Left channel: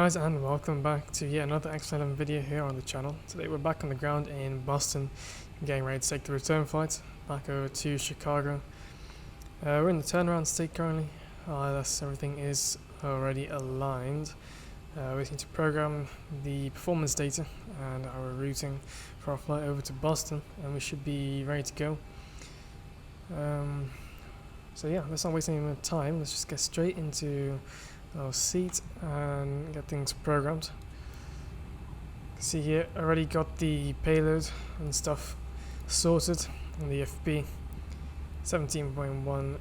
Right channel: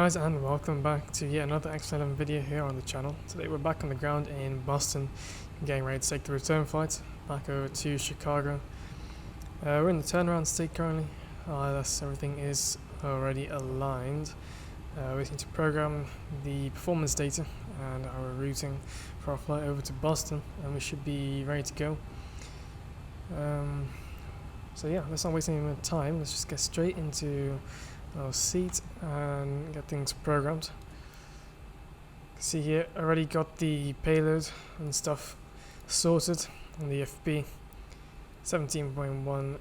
guys, and welcome back to yet another excellent video here on the channel. Today we're back on the ground in Boston, getting ready to take the return flight back over to Chicago. We're in the turnaround state currently. Thus everything is already aligned. We need to program the performance data and our routing for our flight over to Boston, and we should be ready to go. So yeah, let's not waste any more time. Let's just get straight into our seat and get things programmed. See here, already got the payload and stuff sorted on the FB. 17.1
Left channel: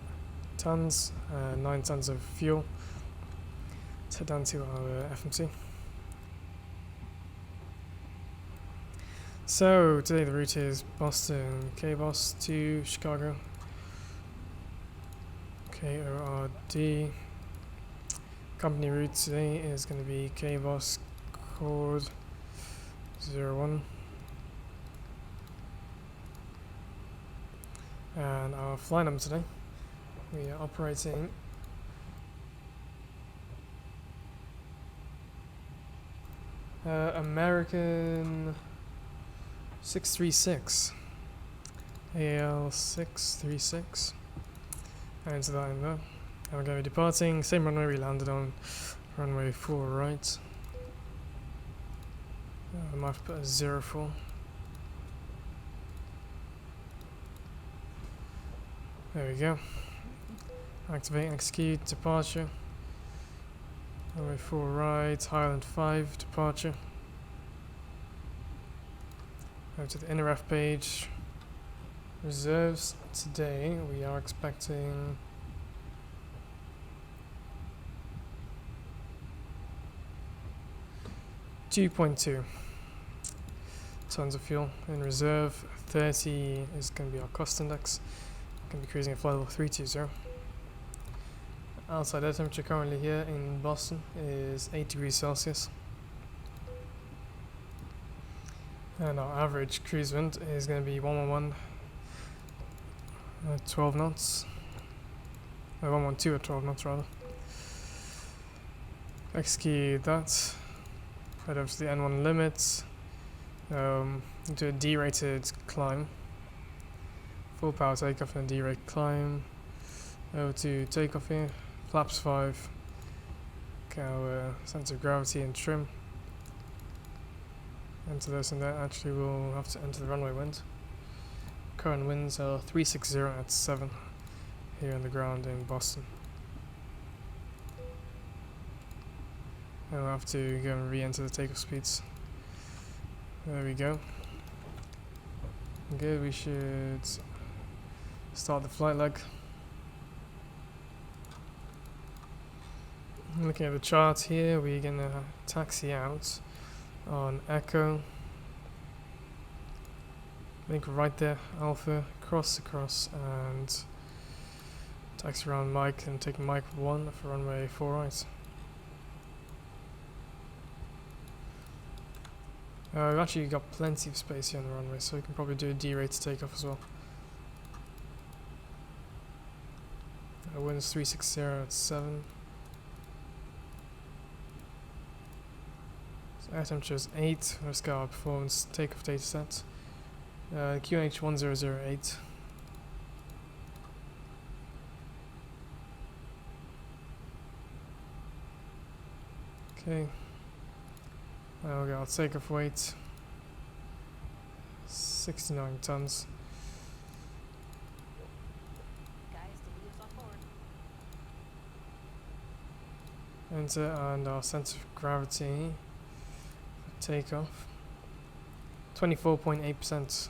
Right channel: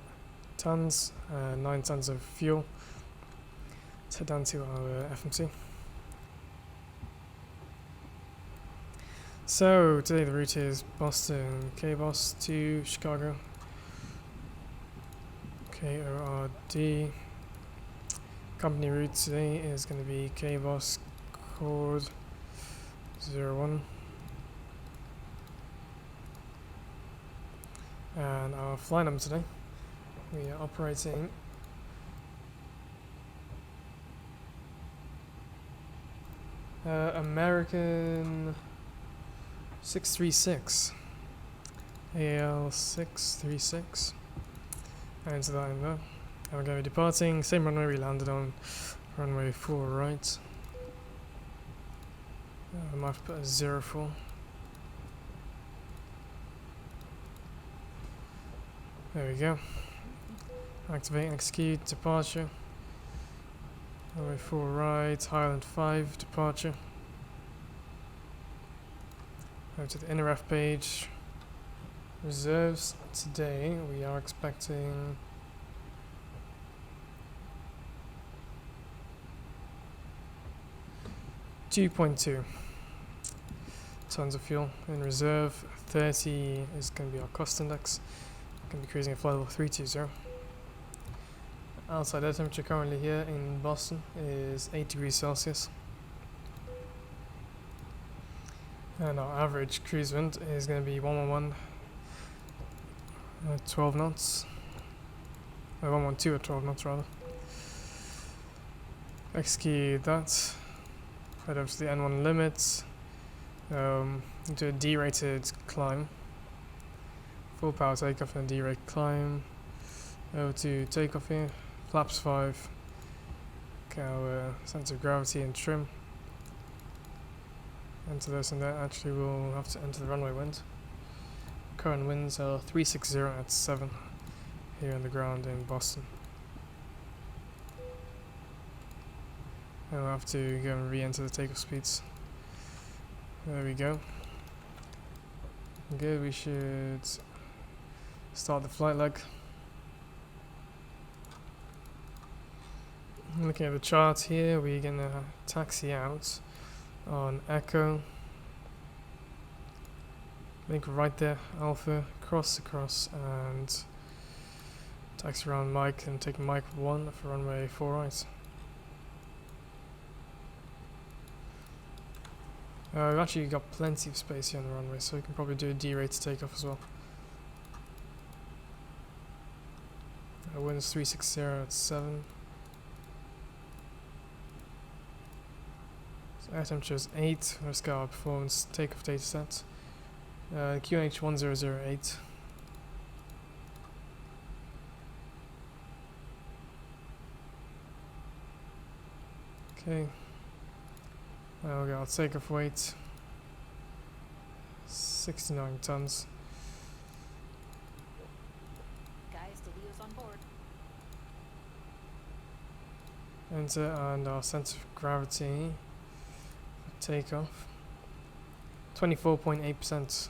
tons, 9 tons of fuel. Let's head down to our FMC. So today the route is Boston KBOS to Chicago. KORD. Company route today is going to be KBOS KORD 01. And our flight number today, we are operating American 636, AL 636, and into that in there. And we're going to be departing, same runway we landed on, runway 4 right. I might have to put a 04. There we go. Activate and execute departure. Runway 4 right, Highland 5 departure. Go to the inner F page. Reserves today, we are expecting 2.2 tons of fuel in reserve. 30 is going to be our cost index. Going to be cruising at flight level 320. Outside air temperature currently here in Boston is 8 degrees Celsius. And our average cruise wind is going to be 111 at 12 knots. 112 at 12 knots rather. Execute that. Head over to the N1 limits, into a D-rated climb, full power takeoff and D-rate climb, over to takeoff here, flaps 5, our center of gravity and trim, enter this, and that actually we'll have to enter the runway wind. Current winds are 360 at 7 here on the ground in Boston. And we'll have to go and re-enter the takeoff speeds. There we go. Good, we should start the flight leg. Looking at the chart here, we're gonna taxi out on Echo. I think right there, Alpha, cross across, and taxi around Mike and take Mike 1 for runway 4 right. We've actually got plenty of space here on the runway, so we can probably do a D-rate takeoff as well. Winds 360 at 7. So air temperature is 8. Let's go our performance takeoff data set. QNH 1008. Okay. We got our takeoff weight, 69 tons. Guys, Delio's on board. Enter, and our center of gravity for takeoff, 24.8%.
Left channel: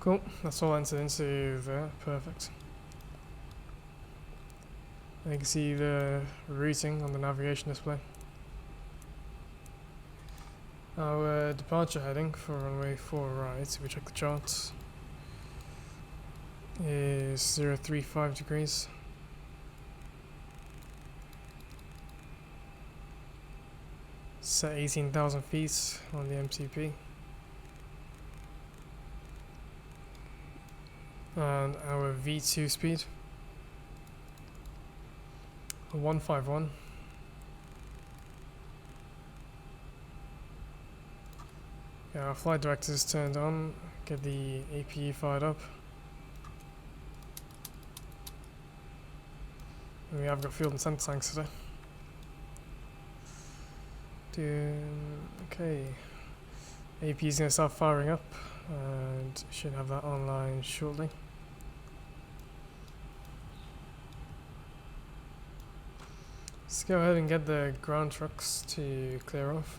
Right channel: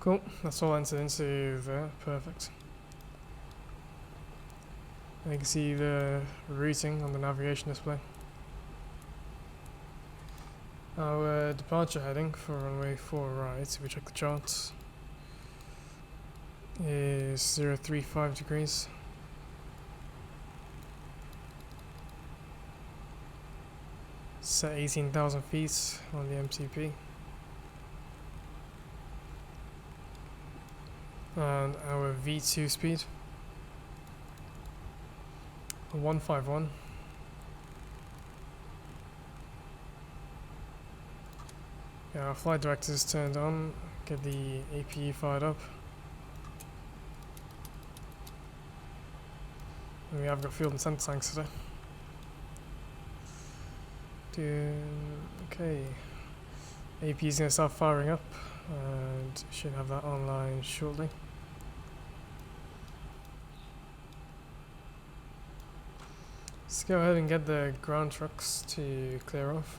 Cool, that's all entered into there, perfect. And you can see the routing on the navigation display. Our departure heading for runway 4 right, if we check the charts, is 035 degrees. set 18,000 feet on the MTP. And our V2 speed 151. Yeah, our flight director is turned on. Get the APU fired up. And we have got fuel and center tanks today. Okay. APU is going to start firing up and should have that online shortly. Let's go ahead and get the ground trucks to clear off.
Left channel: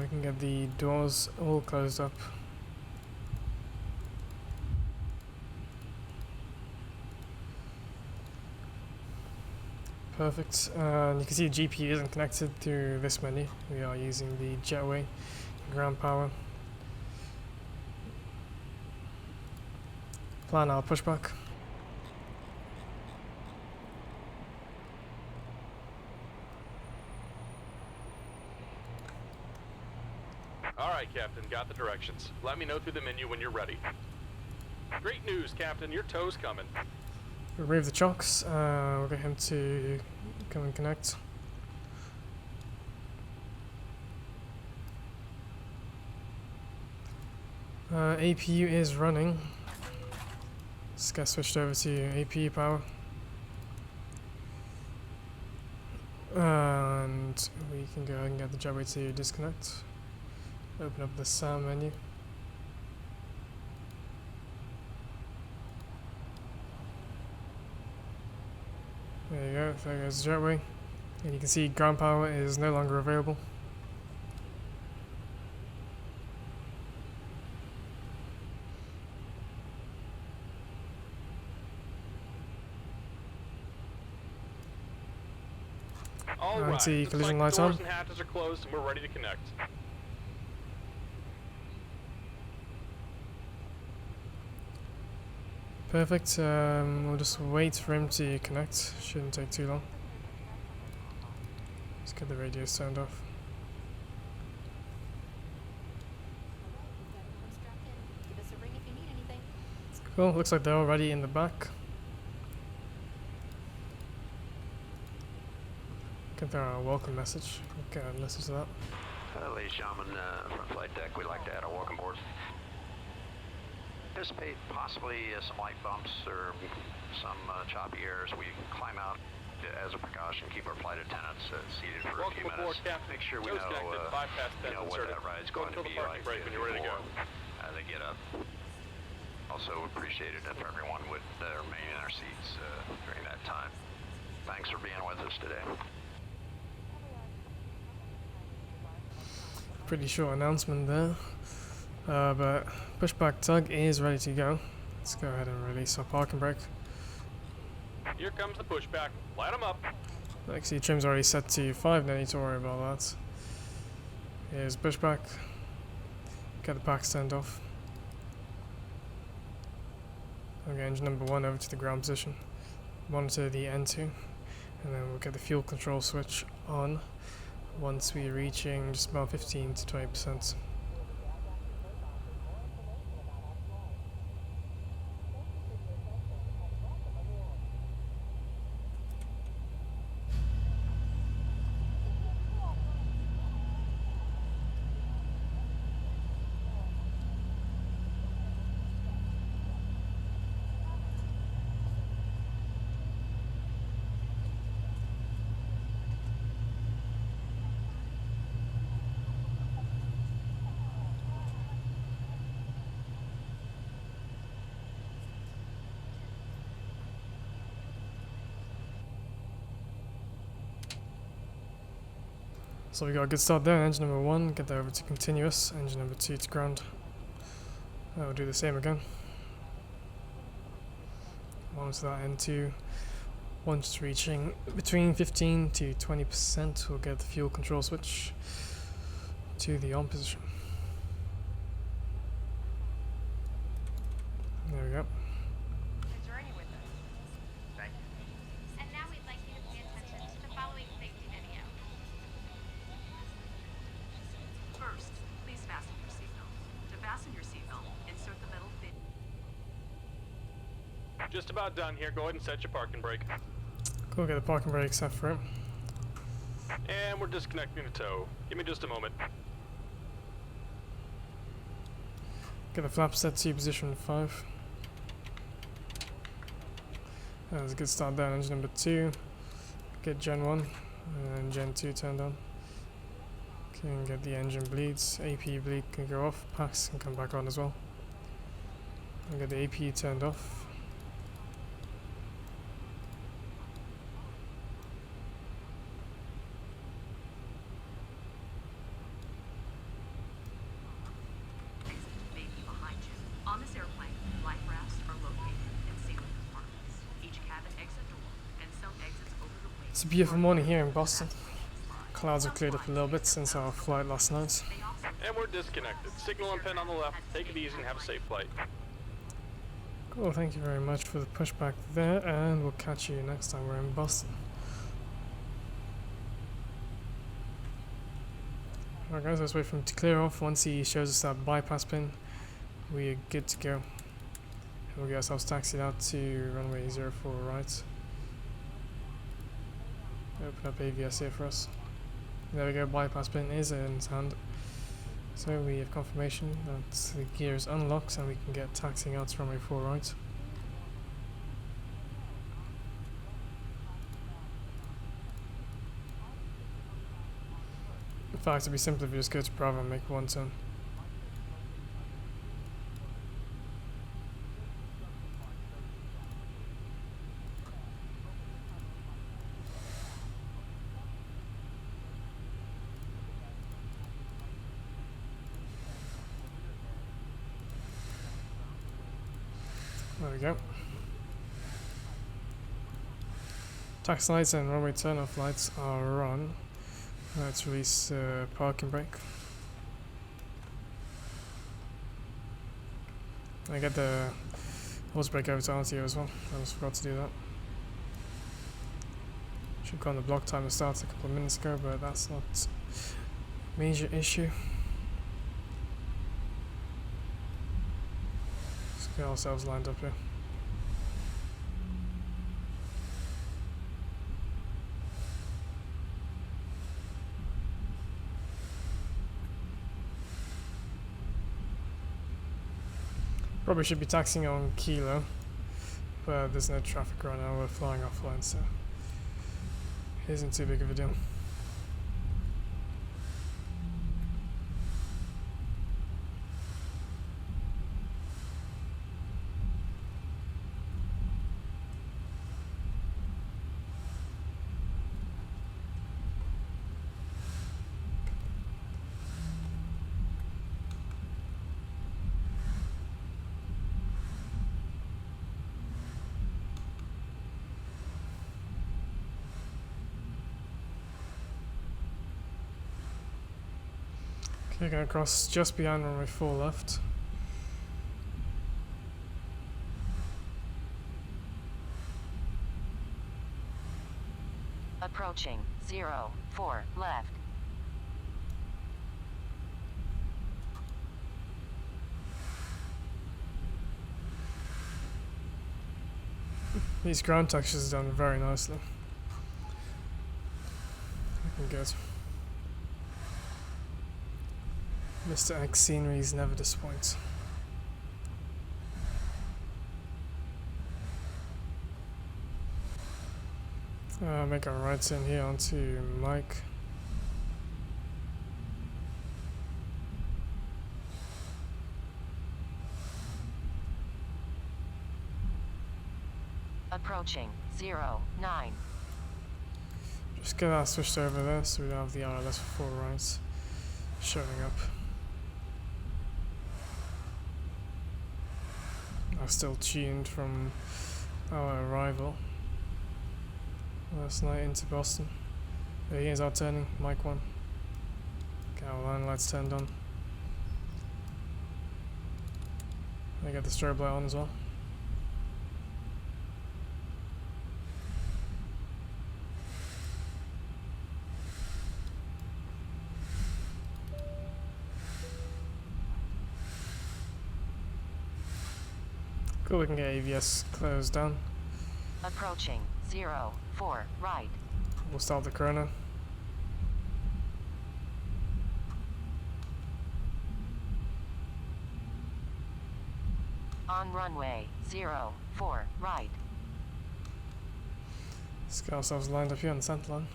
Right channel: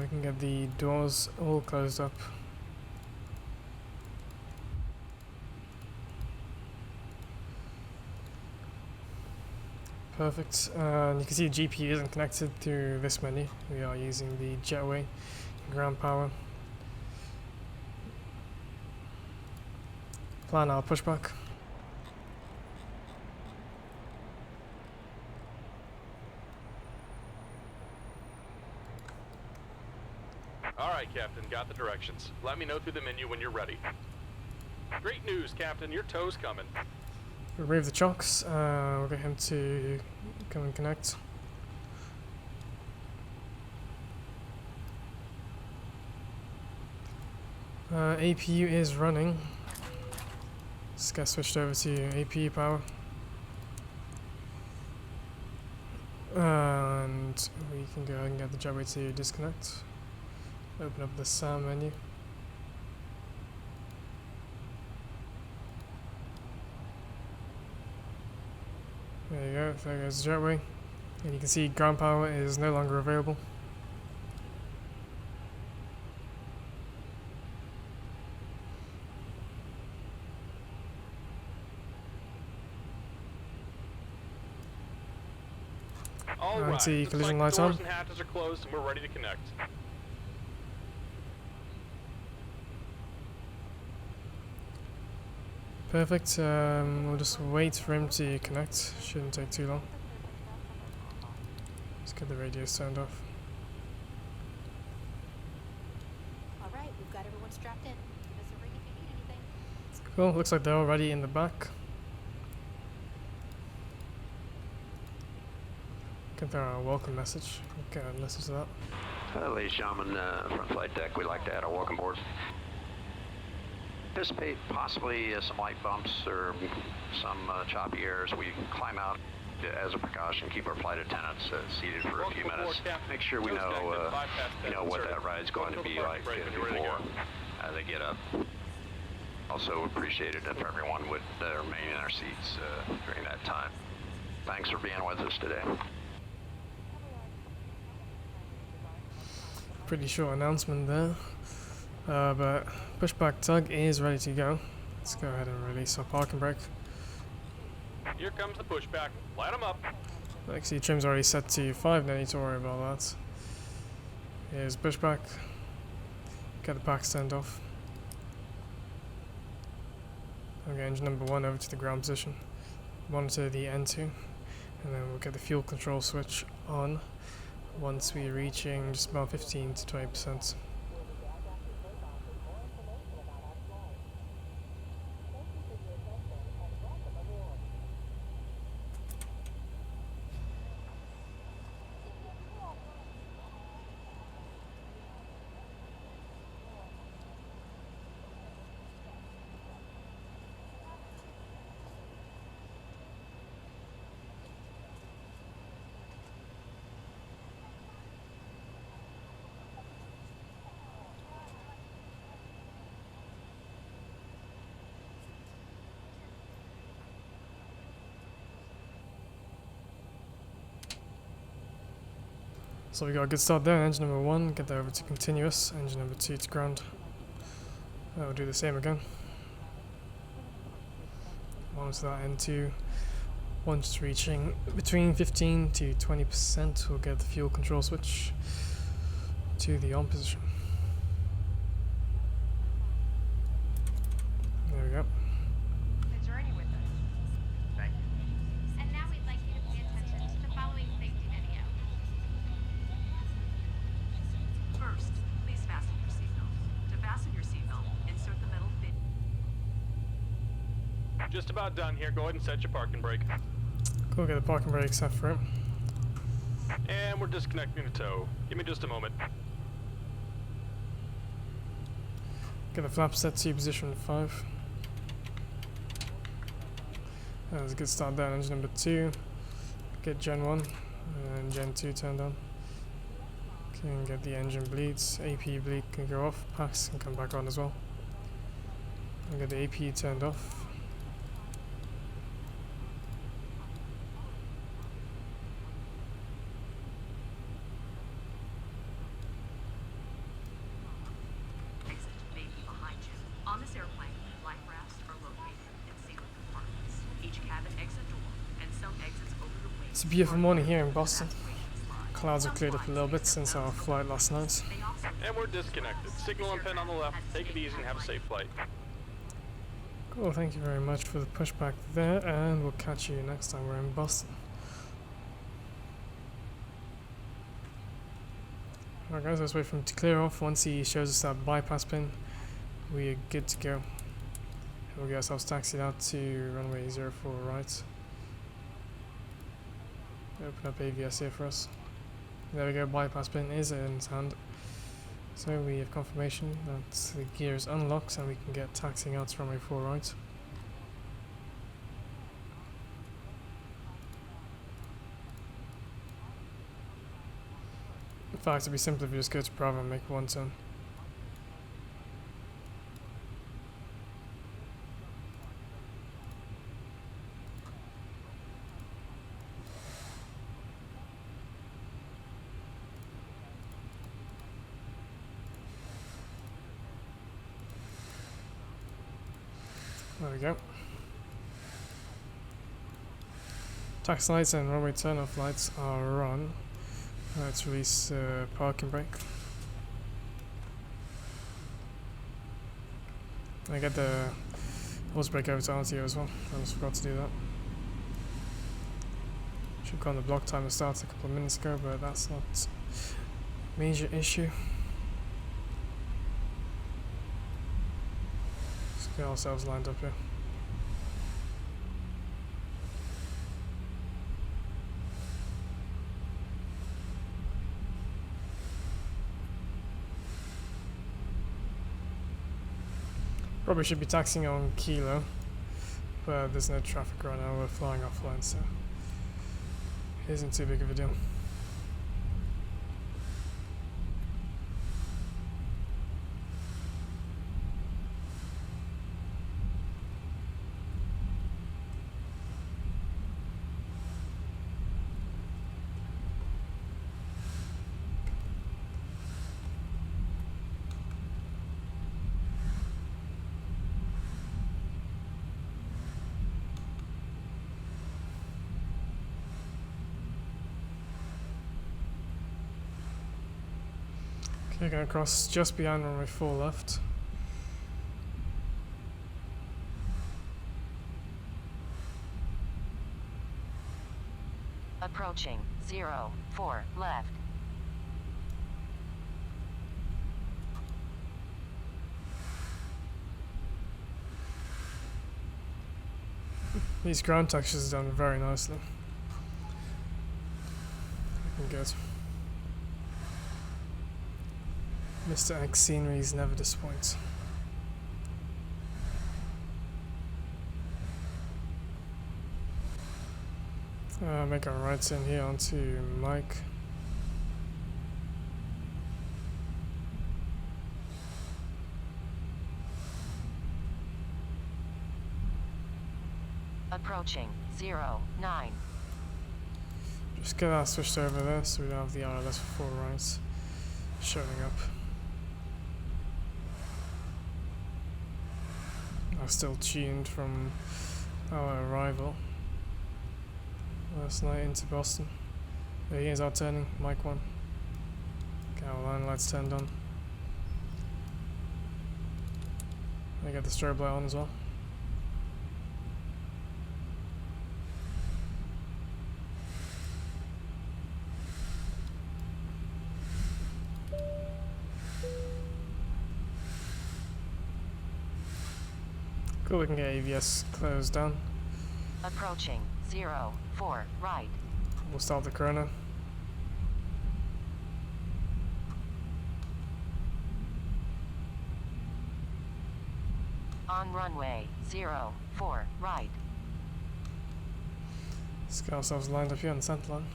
We can get the doors all closed up. Perfect. And you can see the GPU isn't connected through this menu. We are using the jetway ground power. Plan our pushback. Alright, Captain, got the directions. Let me know through the menu when you're ready. Great news, Captain, your tow's coming. Remove the chocks. We'll get him to come and connect. APU is running. Let's get switched over to APU power. And we can go ahead and get the jetway to disconnect. Open up the SAM menu. There you go, there goes the jetway. And you can see ground power is no longer available. All right, see collision lights doors on. and hatches are closed and we're ready to connect. Perfect. We'll just wait for him to connect. Shouldn't take too long. Let's get the radios turned off. Alright, we've got everyone strapped in. Give us a ring if you need anything. Cool. Looks like they're already in the back. Can throw a welcome message. Okay, listen to that. Ladies and gentlemen, front flight deck, we'd like to add a welcome board. Anticipate possibly some light bumps or some choppy air as we climb out. As a precaution, keep our flight attendants seated for a few minutes. Make sure we know, what that ride's going to be like before they get up. Also appreciate it if everyone would remain in their seats during that time. Thanks for being with us today. Pretty short announcement there. But pushback tug is ready to go. Let's go ahead and release our parking brake. Here comes the pushback. Light them up. Actually, trim's already set to 5, no need to worry about that. Here's pushback. Get the packs turned off. Okay, engine number 1 over to the ground position. Monitor the N2. And then we'll get the fuel control switch on once we're reaching just about 15 to 20%. So we got a good start there. Engine number 1, get that over to continuous. Engine number 2 to ground. We'll do the same again. Onto that N2. Once reaching between 15 to 20%, we'll get the fuel control switch to the on position. There we go. Journey with us. Thank you. And now we'd like you to pay attention to the following safety video. First, please fasten your seatbelt. To fasten your seatbelt, insert the metal fin. Just about done here. Go ahead and set your parking brake. Cool, get the parking brake set for it. And we're disconnecting the tow. Give me just a moment. Get the flap set to position 5. That was a good start there. Engine number 2. Get Gen 1 and Gen 2 turned on. Can get the engine bleeds. AP bleed can go off. Packs can come back on as well. And get the AP turned off. On this airplane, life rafts are located in single compartments. Each cabin exit door and some exits over the wing. It's a beautiful morning here in Boston. Clouds have cleared up a little bit since our flight last night. And we're disconnected. Signal and pin on the left. Take it easy and have a safe flight. Cool, thank you very much for the pushback there, and we'll catch you next time we're in Boston. Alright guys, let's wait for him to clear off. Once he shows us that bypass pin, we are good to go. And we'll get ourselves taxied out to runway 04 right. Open up AVS here for us. There we go, bypass pin is in his hand. So we have confirmation that the gear is unlocked and we can get taxiing out to runway 4 right. In fact, it'd be simpler if we just go to Bravo and make one turn. There we go. Taxi lights and runway turn-off lights are on. Let's release parking brake. I get the hose brake over to RTO as well. I almost forgot to do that. Should go on the block time to start a couple of minutes ago, but that's not a major issue. Let's get ourselves lined up here. Probably should be taxiing on Kilo, but there's no traffic right now. We're flying offline, so it isn't too big of a deal. Okay, gonna cross just behind runway 4 left. Approaching 04 left. These ground textures are done very nicely. Looking good. Mr. X sceneries never disappoints. Make our right turn here onto Mike. Approaching 09. Just get that switched over there so we don't have the RLS for 4 rights showing up. I'm still tuned from our arrival last night into Boston. Here's our turning, mic 1. Okay, our line lights turned on. I got the strobe light on as well. Cool, we can get AVS closed down. Approaching 04 right. We'll start the chrono. On runway 04 right. Let's get ourselves lined up here on the center line.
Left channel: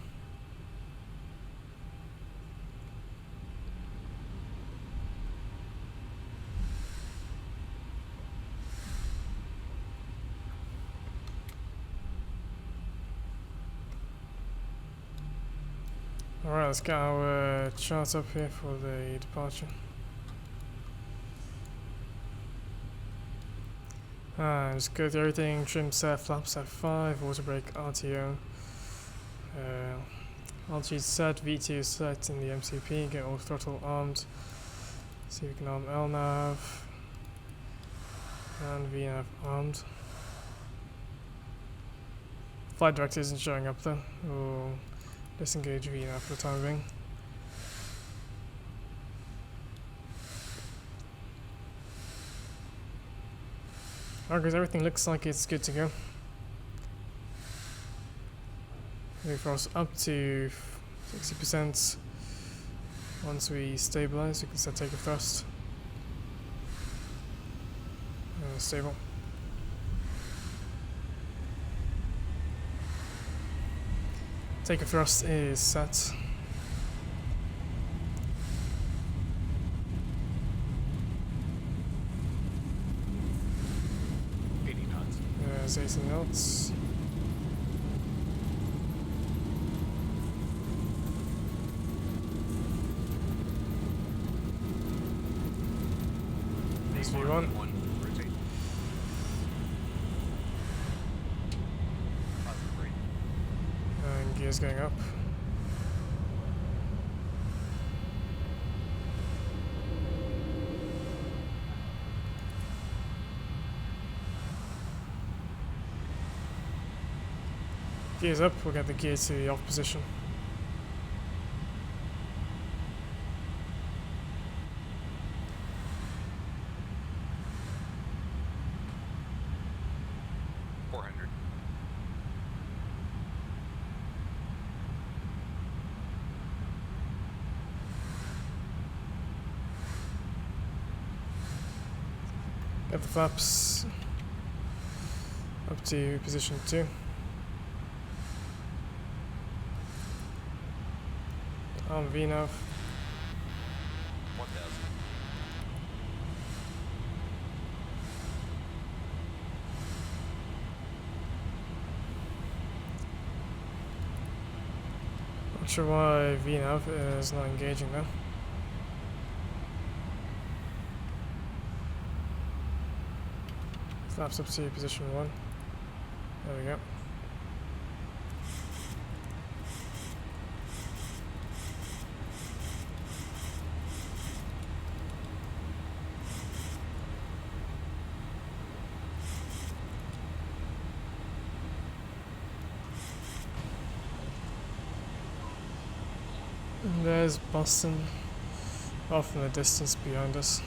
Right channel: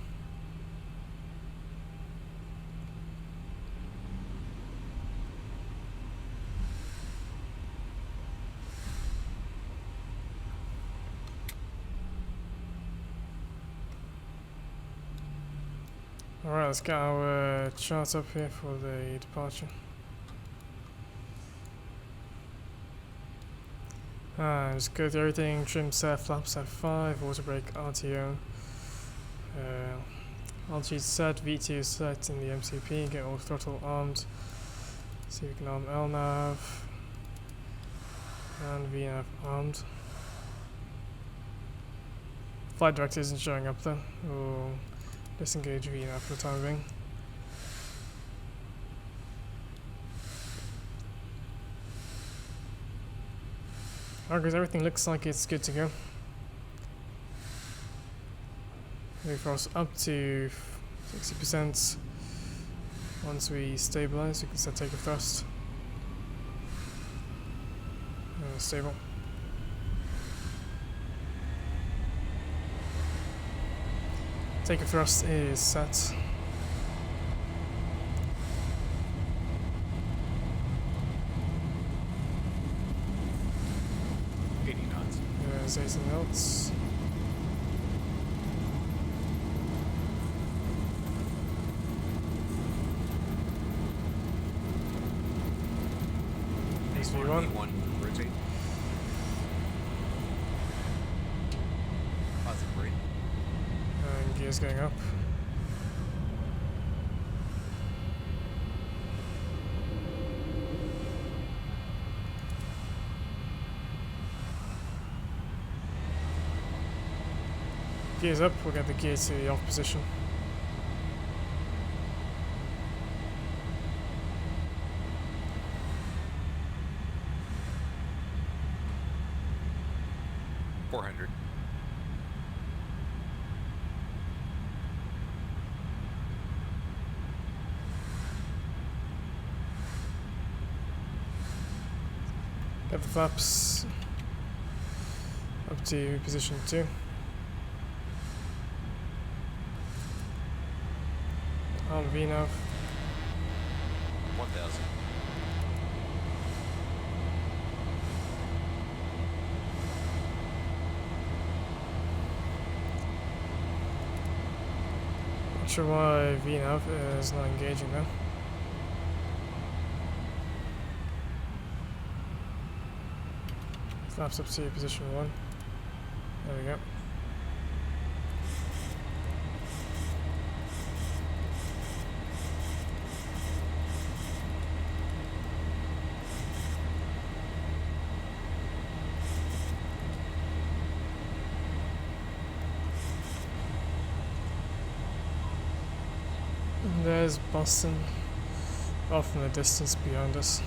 Alright, let's get our chart up here for the departure. Just go through everything, trim set, flaps F5, auto brake, RTO, altitude set, V2 set in the MCP, get all throttle armed, see if we can arm LNAV and VNAV armed. Flight director isn't showing up though, we'll disengage VNAV for the time being. Alright guys, everything looks like it's good to go. Move for us up to 60%. Once we stabilize, we can set takeoff thrust. Stable. Takeoff thrust is set. There's 18 knots. There's V1. Rotate. And gears going up. Gears up, we'll get the gear to the off position. Get the flaps up to position 2. On VNAV. 1000. Not sure why VNAV is not engaging though. Flaps up to position 1. There we go. And there's Boston off in the distance behind us.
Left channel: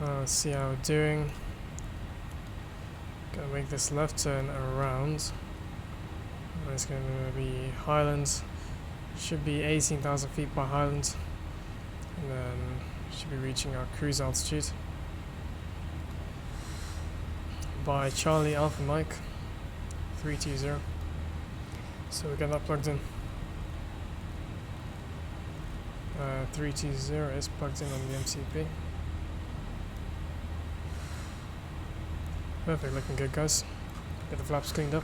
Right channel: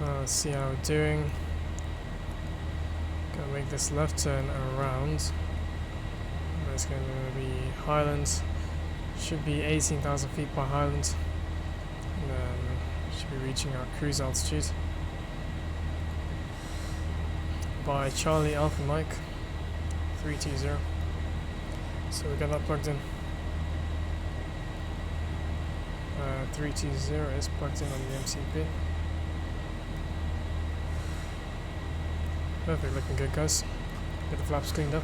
Let's see how we're doing. Gonna make this left turn around. There's going to be Highland. Should be 18,000 feet by Highland. And then should be reaching our cruise altitude by Charlie Alpha Mike 320. So we got that plugged in. 320 is plugged in on the MCP. Perfect, looking good guys. Get the flaps cleaned up.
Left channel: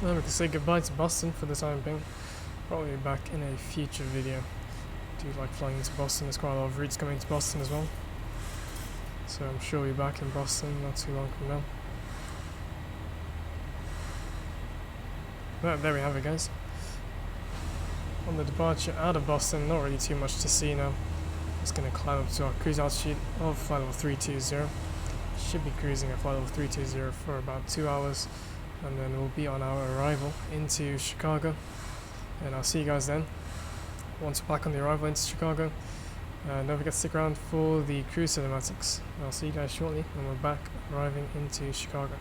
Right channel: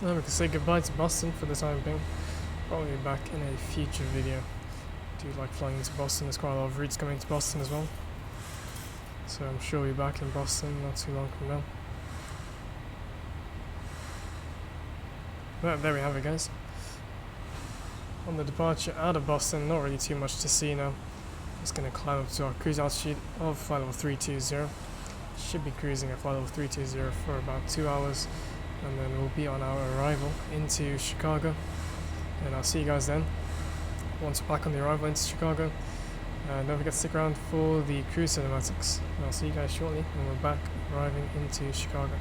And we can say goodbye to Boston for the time being. Probably back in a future video. Do you like flying into Boston? There's quite a lot of routes coming to Boston as well. So I'm sure we'll be back in Boston not too long from now. Well, there we have it guys. on the departure out of Boston. Not really too much to see now. Just going to climb up to our cruise altitude of flight level 320. Should be cruising at flight level 320 for about 2 hours, and then we'll be on our arrival into Chicago, and I'll see you guys then once we're back on the arrival into Chicago. Don't forget to stick around for the cruise cinematics. I'll see you guys shortly when we're back arriving into Chicago.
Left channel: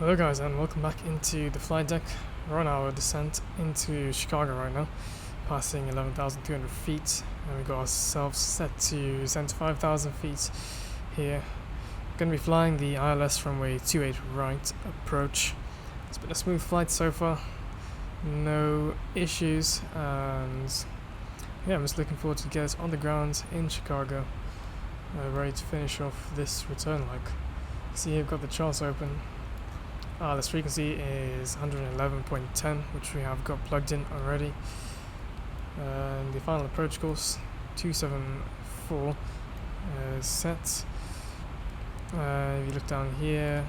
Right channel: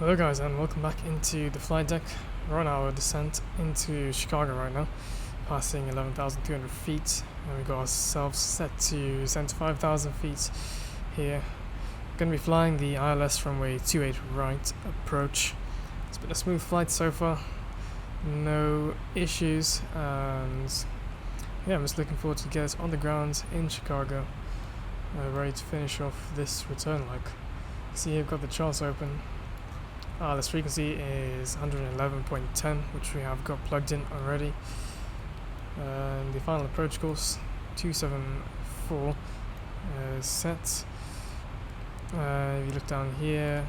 Hello guys, and welcome back into the flight deck. We're on our descent into Chicago right now, passing 11,200 feet, and we got ourselves set to 75,000 feet here. Going to be flying the ILS runway 28 right approach. It's been a smooth flight so far, no issues, and yeah, I'm just looking forward to get us on the ground in Chicago, ready to finish off this return leg. See here, I've got the charts open. This frequency is 111.10, which we have got plugged in already. And the final approach course 274 is set. If you look down here,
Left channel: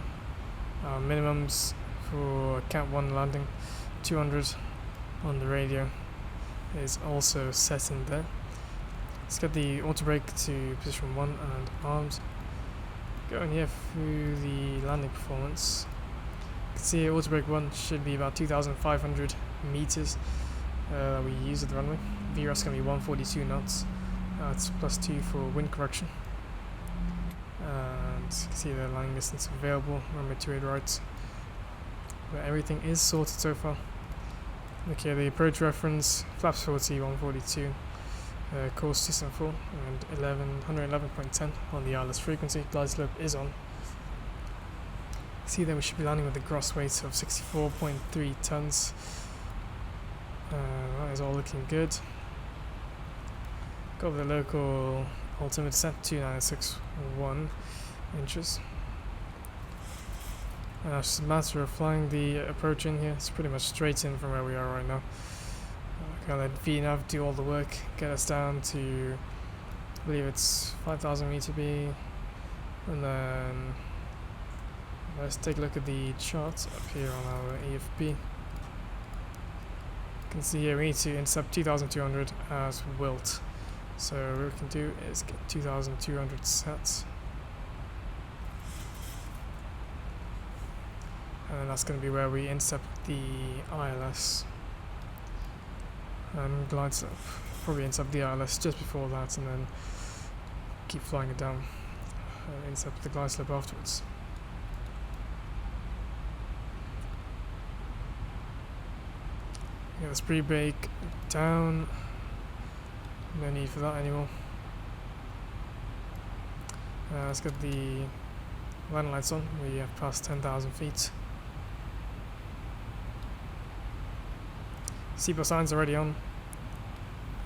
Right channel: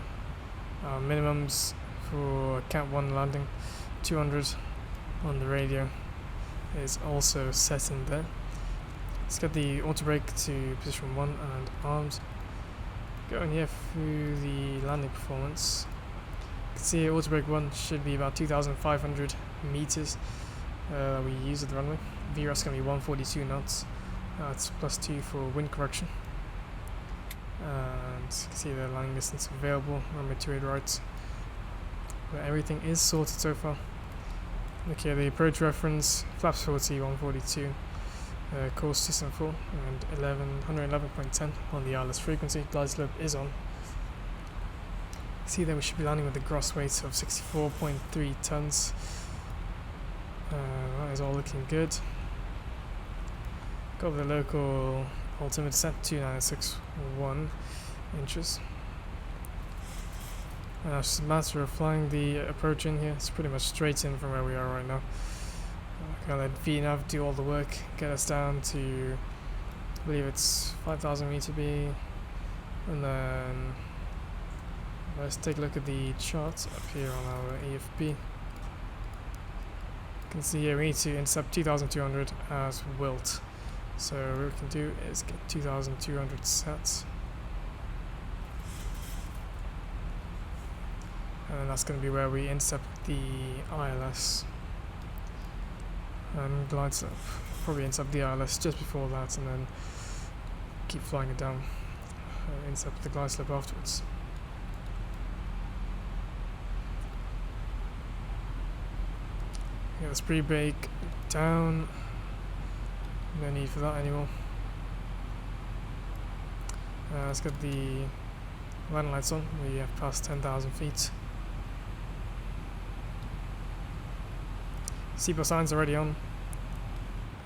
our minimums for Cat 1 landing 200 on the radio is also set in there. Let's get the auto brake to position 1 and arms. Going here through the landing performance. You can see auto brake 1 should be about 2,500 meters we use at the runway. VRAS is going to be 142 knots. It's +2 for wind correction. And you can see the landing distance available, runway 28 right. But everything is sorted so far. Look here, the approach reference, flaps 40, 142, course 274, and 111.10 on the ILS frequency. Glide slope is on. See that we should be landing with a gross weight of 64.3 tons. That is all looking good. Got the local altimeter set 2961 inches. It's just a matter of flying the approach in here. It's pretty much straight in from where we are right now. Gonna let VNav do all the work, get us down to, I believe it's 5,000 meter B, and then let's take a look at the charts up here on our AFB. You can see here we need to intercept 2,200 as wilt. So what we can do is get 2,200 set. And then that's going to be where we intercept the ILS and glide slope. Probably intercept the ILS just before that and then keep flying it down. Intercept the glide slope afterwards. Get this pre-brake down. No need for that anymore. Let's get the landing lights on. We have passed 10,000 feet. Seatbelt signs already on,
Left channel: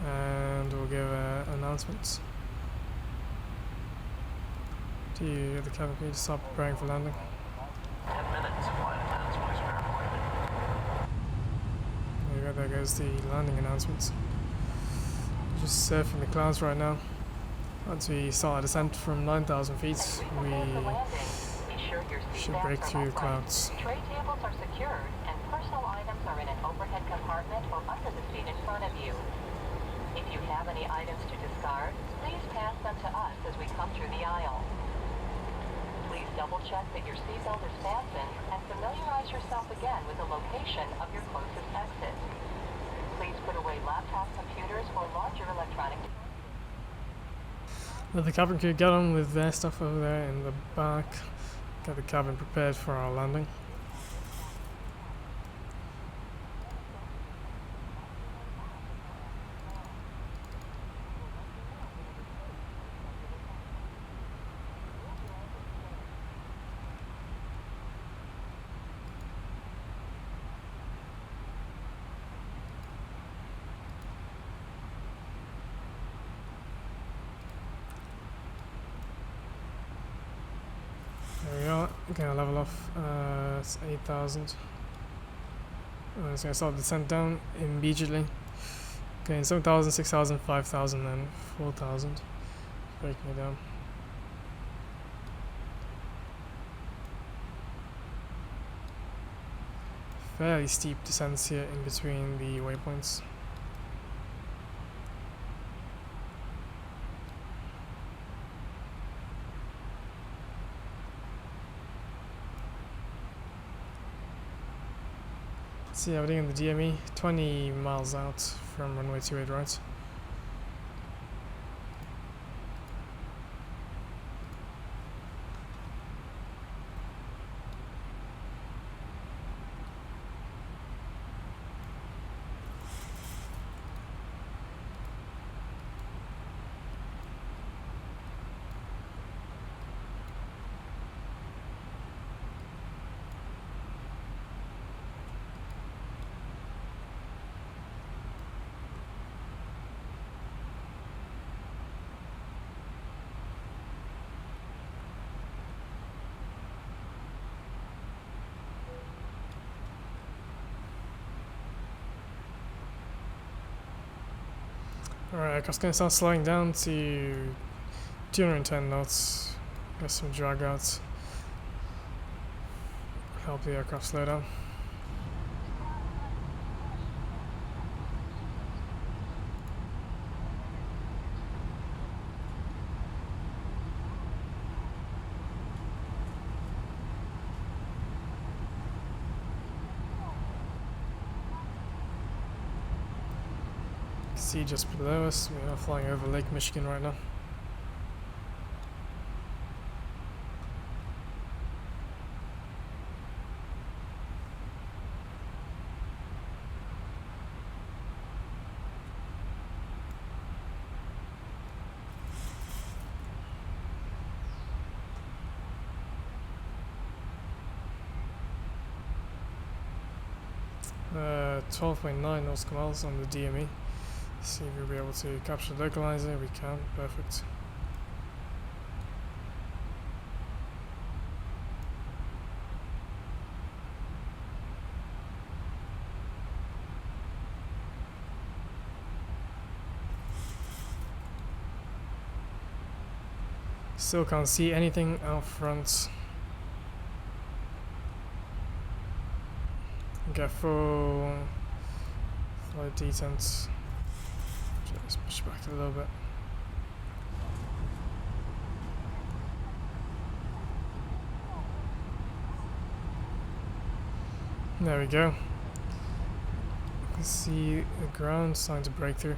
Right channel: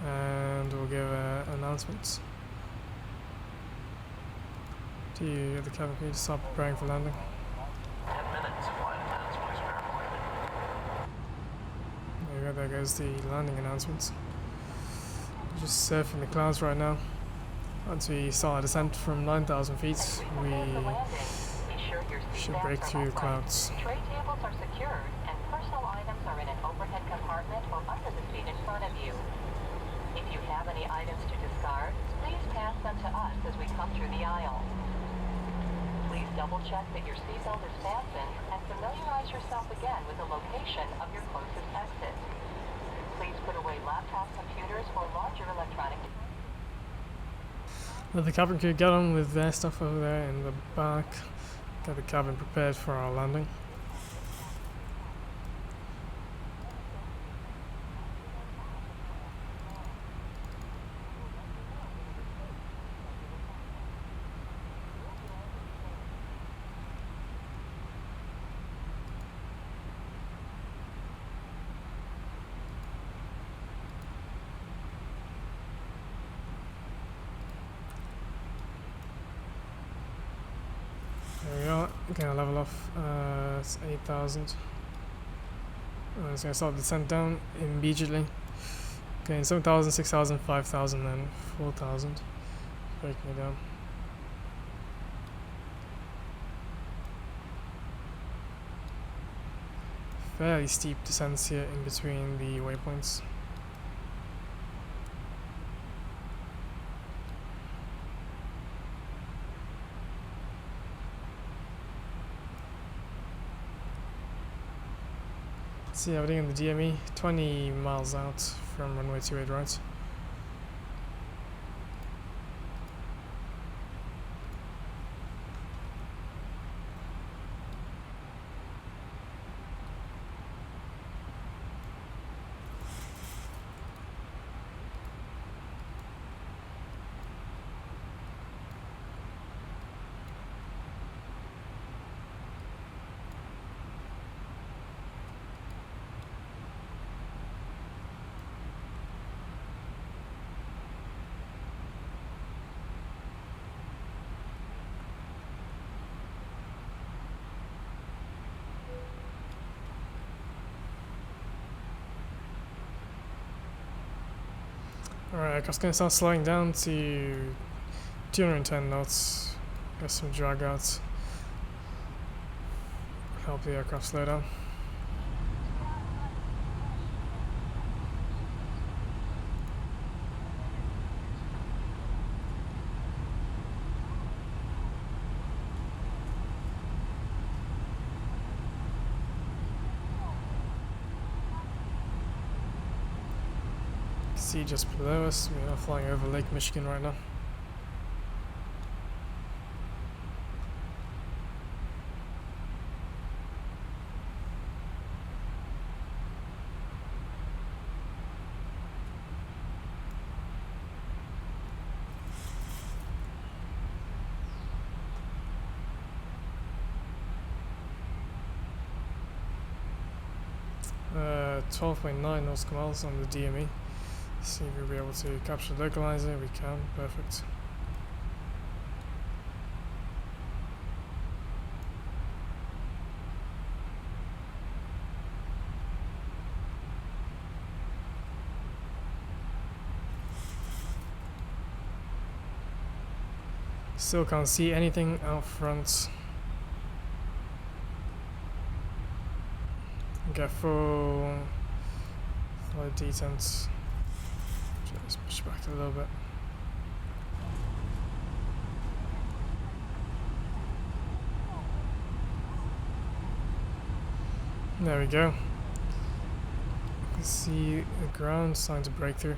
and we'll give announcements to the cabin crew to start preparing for landing. 10 minutes, flight attendants, please prepare for landing. There you go, there goes the landing announcements. Just surfing the clouds right now. Once we start our descent from 9,000 feet, we should break through the clouds. Tray tables are secured and personal items are in an overhead compartment or under the seat in front of you. If you have any items to discard, please pass them to us as we come through the aisle. Please double check that your seatbelt is fastened and familiarize yourself again with the location of your closest exit. Please put away laptop computers or larger electronic devices. Let the cabin crew get on with their stuff over there in the back. Get the cabin prepared for our landing. There we are, gonna level off, it's 8,000. It's gonna start the descent down immediately. Okay, 7,000, 6,000, 5,000, then 4,000. Breaking it down. Fairly steep descents here in between the waypoints. See everything in the DME, 20 miles out from runway 28 right. Alright, I'm going to start slowing down to 210 knots. Get some drag outs. Help the aircraft slow down. See just below us, we are flying over Lake Michigan right now. Uh, 12.9 nautical miles on the DME. See if we'll be able to capture the localizer. We can. Perfect. Still can't see anything out front. Get full detent. Just push back a little bit. There we go. You can see the ground starting to break through.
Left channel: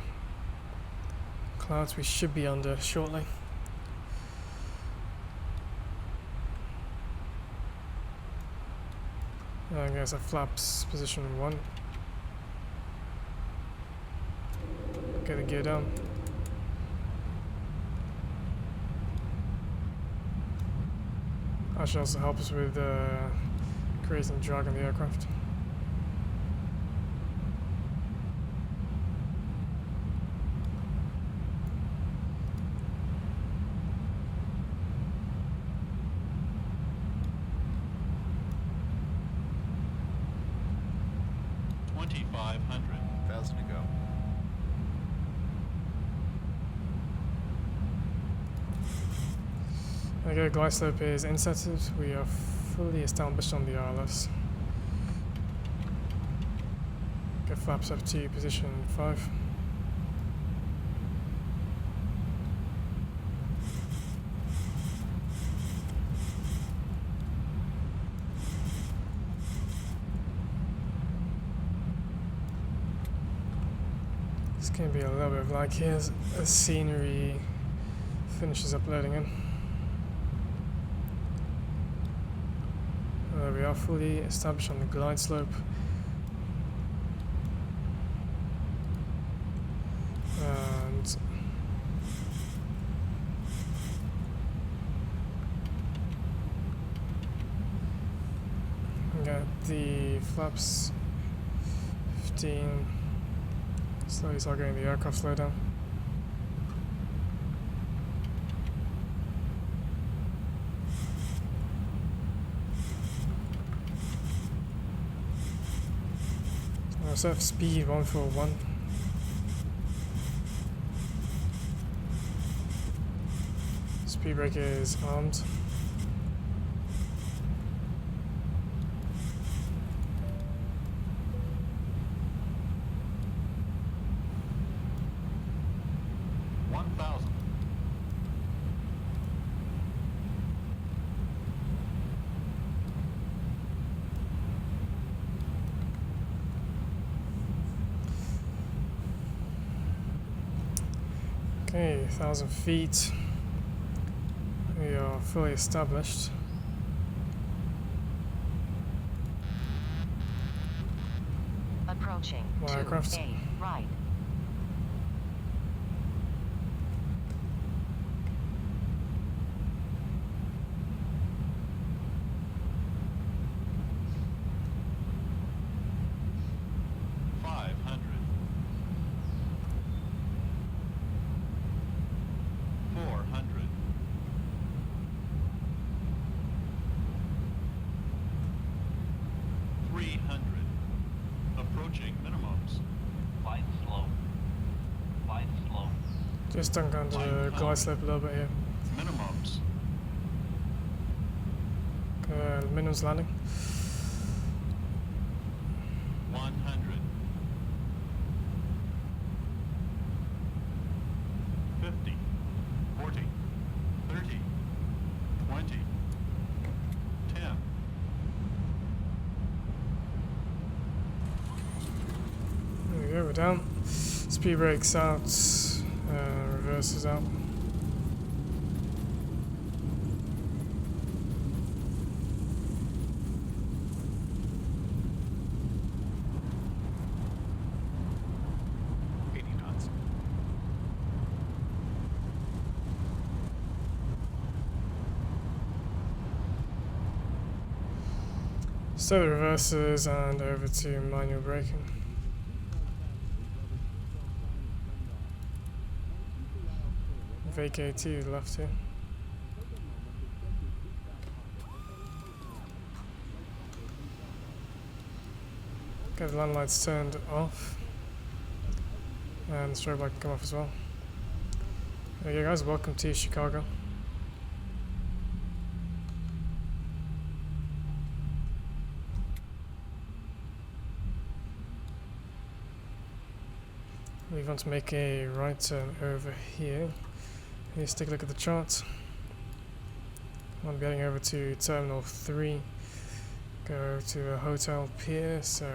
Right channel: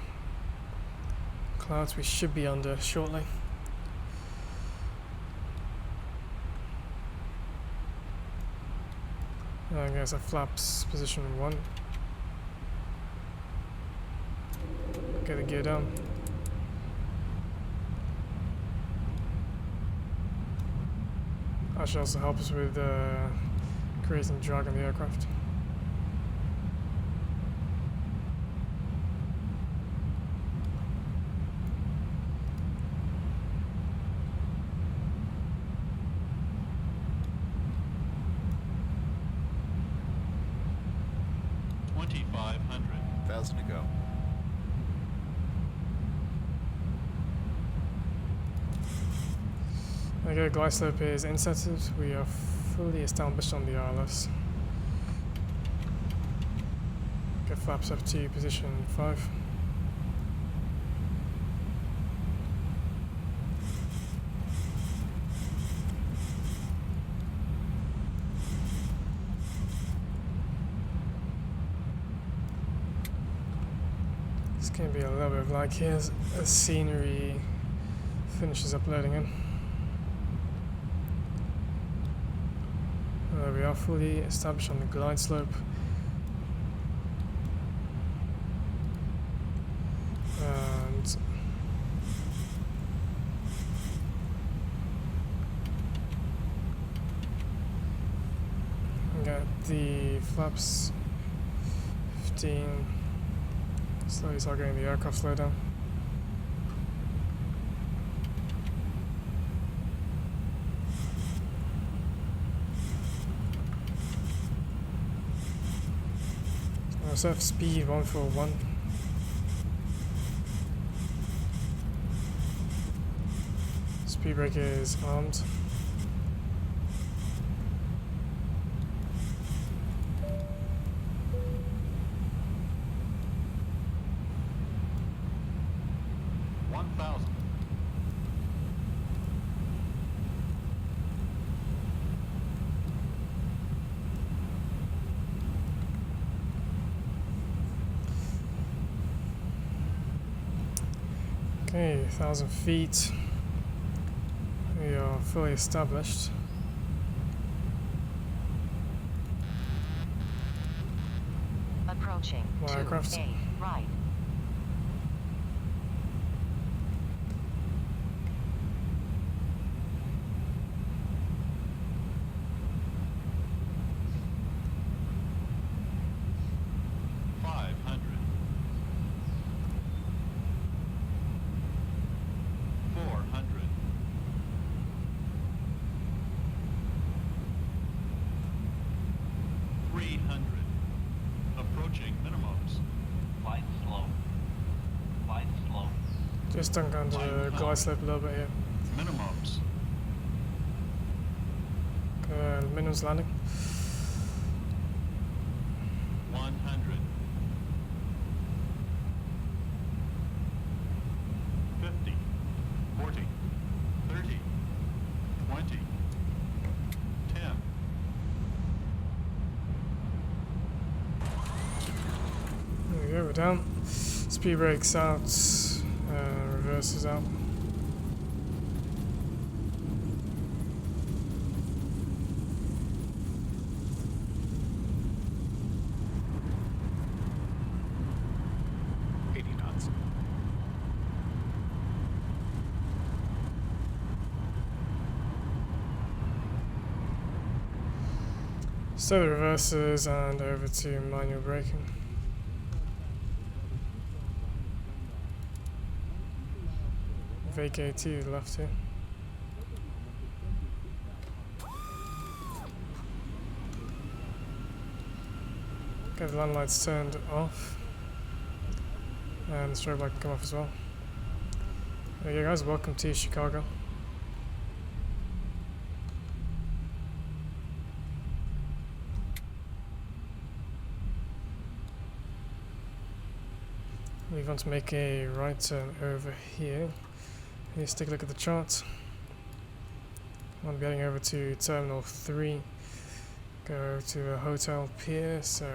Clouds we should be under shortly. I guess a flaps position 1. Get the gear down. That should also help us with creating drag on the aircraft. $2,500 to go. Okay, glide slope is insetted. We are fully established on the ILS. Get flaps up to position 5. It's going to be a little bit of lag here as scenery finishes uploading in. We are fully established on the glide slope. And got the flaps 15. Slowly start getting the aircraft slow down. Set speed 141. Speed brake is armed. Okay, 1,000 feet. We are fully established. Approaching. More aircraft. 2A, right. Approaching minimums. Glide slow. Glide slow. Just dunk under the glide slope a little bit here. Minimums. Minimums landing. 100. 50. 40. 30. 20. 10. There we go, we're down. Speed brakes out, reverses out. So the reverses and over to manual braking. EVGA to the left here. Get the land lights turned off. And the strobe light can come off as well. There you go guys, welcome to Chicago. We want to make a right turn over here. Let's take a look at the chart. I'm heading over to Terminal 3, go to a hotel pier, so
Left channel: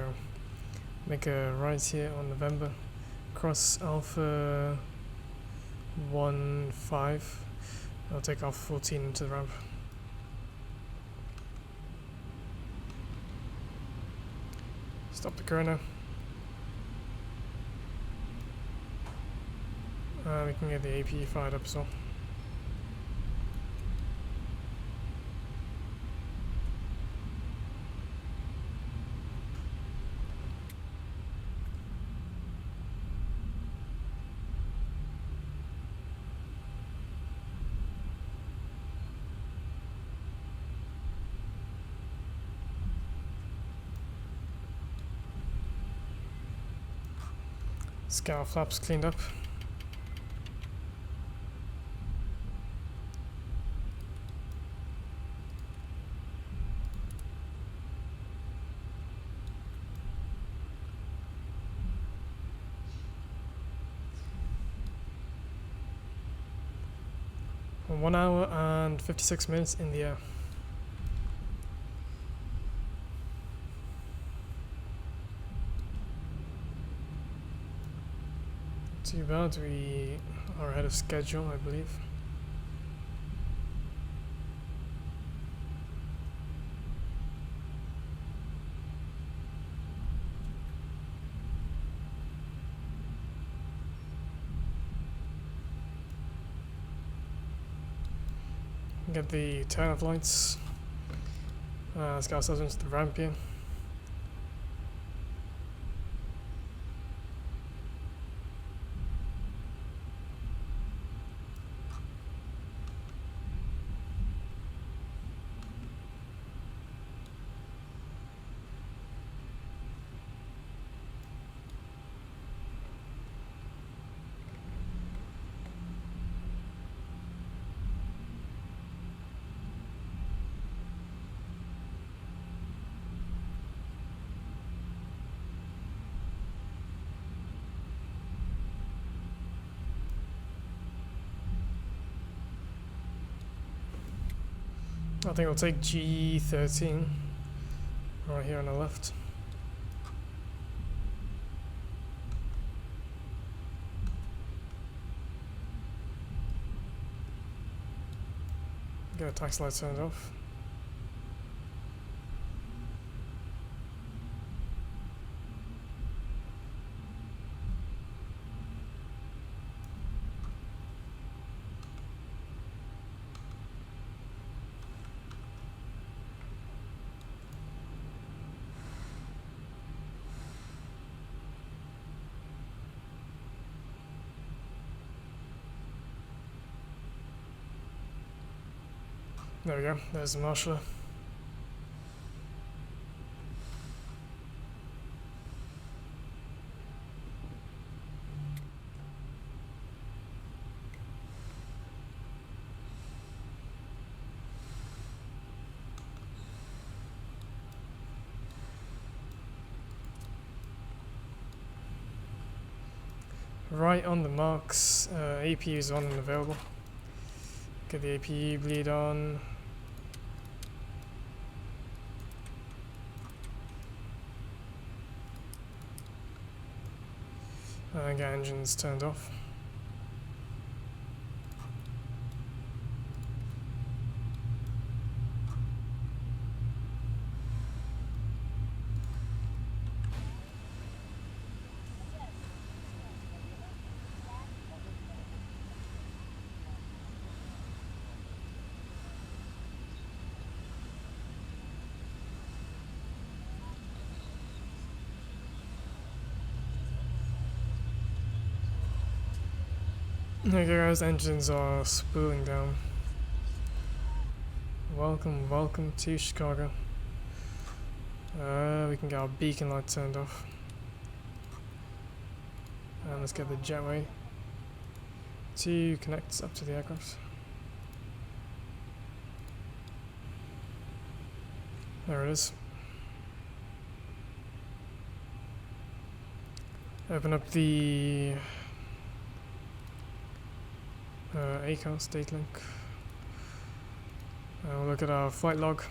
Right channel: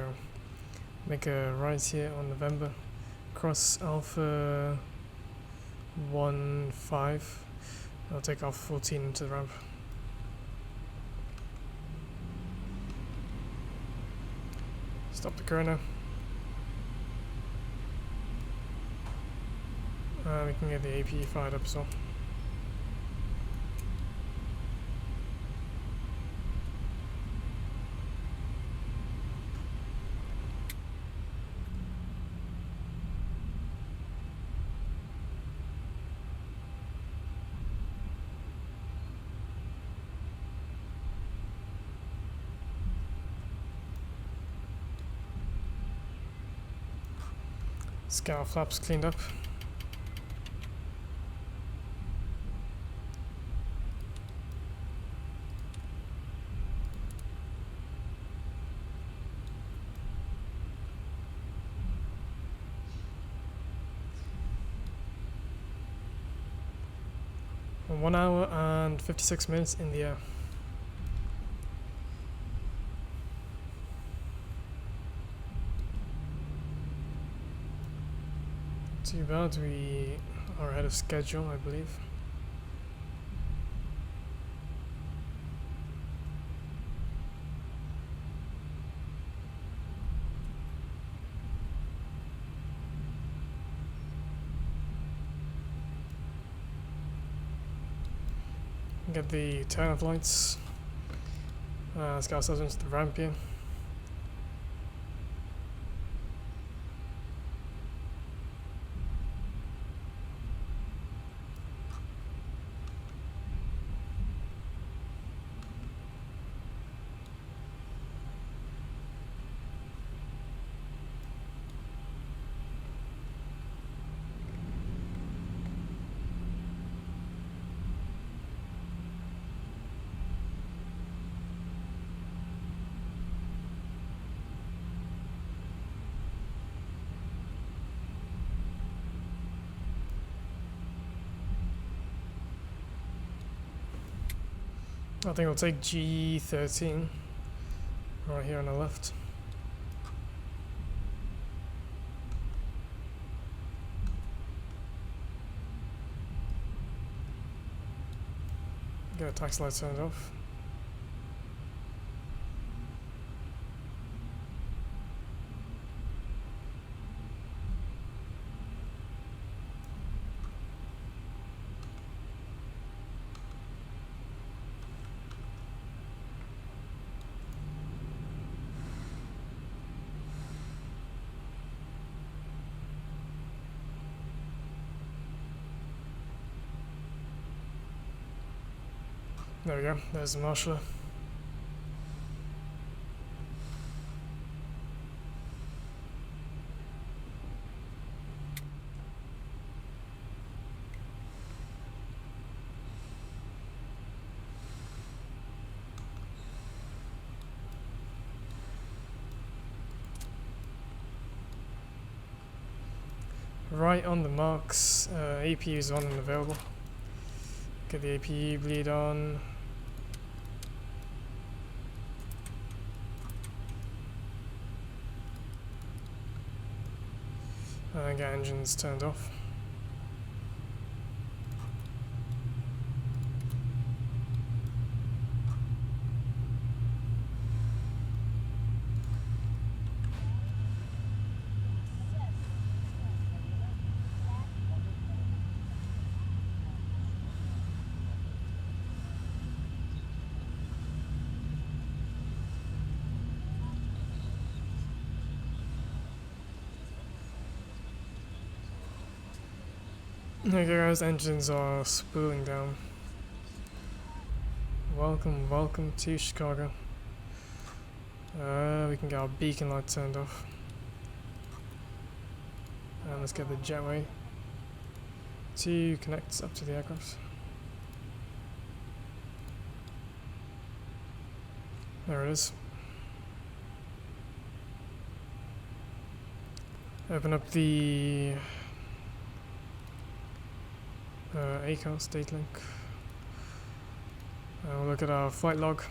make a right here on November, cross Alpha 15, I'll take off 14 into the ramp. Stop the chrono. We can get the APE fired up as well. Let's get our flaps cleaned up. And 1 hour and 56 minutes in the air. Too bad, we are ahead of schedule, I believe. Get the turn-off lights. Let's get ourselves into the ramp here. I think we'll take G13 right here on the left. Get a taxi light turned off. There we go, there's the marshaller. Right on the marks, APU is on and available. Get the APU bleed on. Get engines turned off. Okay guys, engines are spooling down. Welcome to Chicago. We can get our beacon light turned off. And let's get the jetway to connect up to the aircraft. There it is. Open up the ACOS date link. We'll look at our flight log.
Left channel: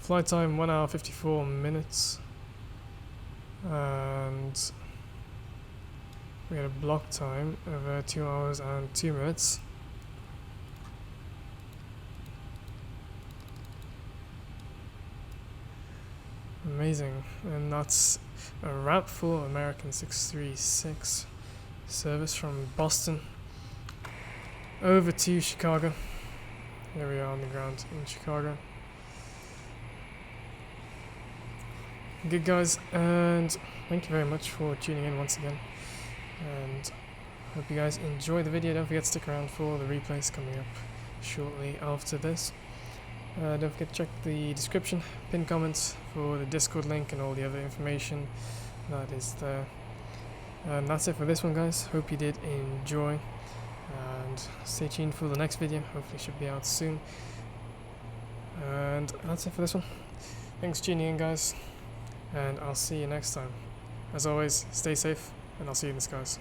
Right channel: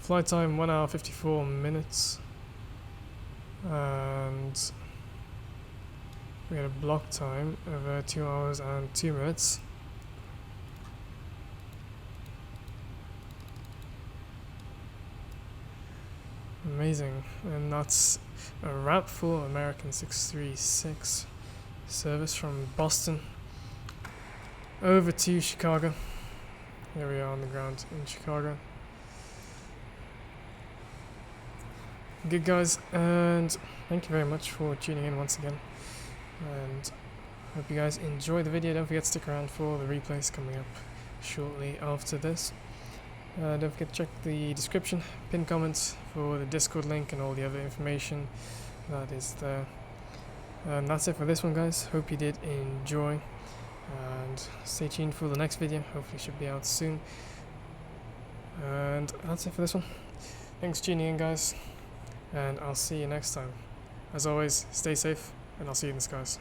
Flight time 1 hour 54 minutes, and we had a block time of 2 hours and 2 minutes. Amazing, and that's a wrap for American 636 service from Boston over to Chicago. Here we are on the ground in Chicago. Good guys, and thank you very much for tuning in once again, and hope you guys enjoy the video. Don't forget to stick around for the replays coming up shortly after this. Don't forget to check the description, pinned comments for the Discord link and all the other information that is there. And that's it for this one, guys. Hope you did enjoy, and stay tuned for the next video. Hopefully should be out soon. And that's it for this one. Thanks for tuning in, guys, and I'll see you next time. As always, stay safe, and I'll see you in the skies.